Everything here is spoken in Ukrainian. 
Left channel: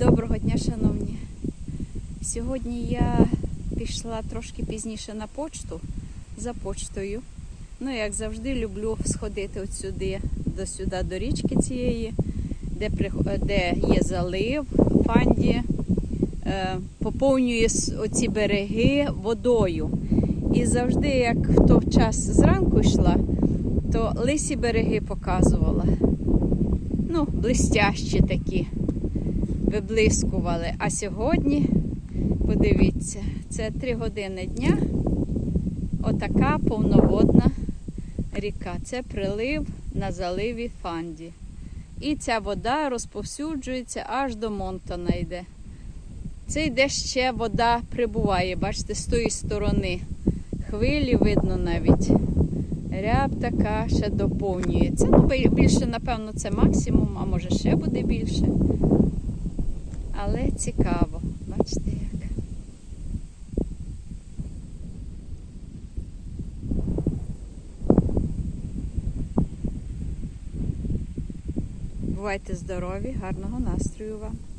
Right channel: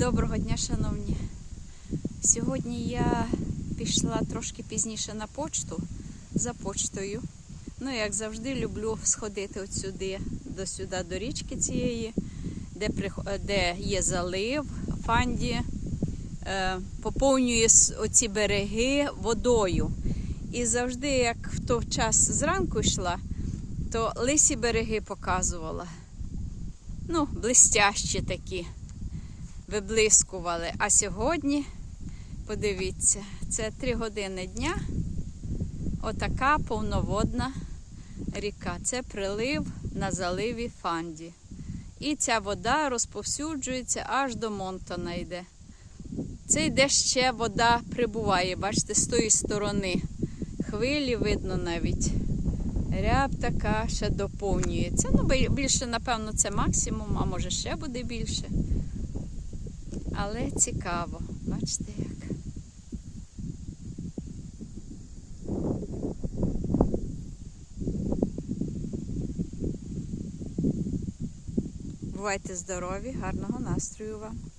Доброго дня, шановні. Сьогодні я пішла трошки пізніше на почту за почтою. Ну, як завжди, люблю сходити от сюди, до сюди, до річки цієї, де, де є залив, фанді, е, поповнює оці береги водою. І завжди, як в той час зранку йшла, то лисі береги показувала. Ну, блистящі такі виблискували. А сьогодні, подивіться, це 3 години дня. Отака повноводна ріка. Це прилив на заливі Фанді. І ця вода розповсюджується аж до Монтона йде. Це йде ще вода прибуває, бачите, з тої сторони. Хвилі видно навіть. Ряб така ще доповнюється. Ну, більше, напевно, це максимум, а може ще буде більше. Але цікаво, бачите як. Бувайте здорові, гарного настрою вам.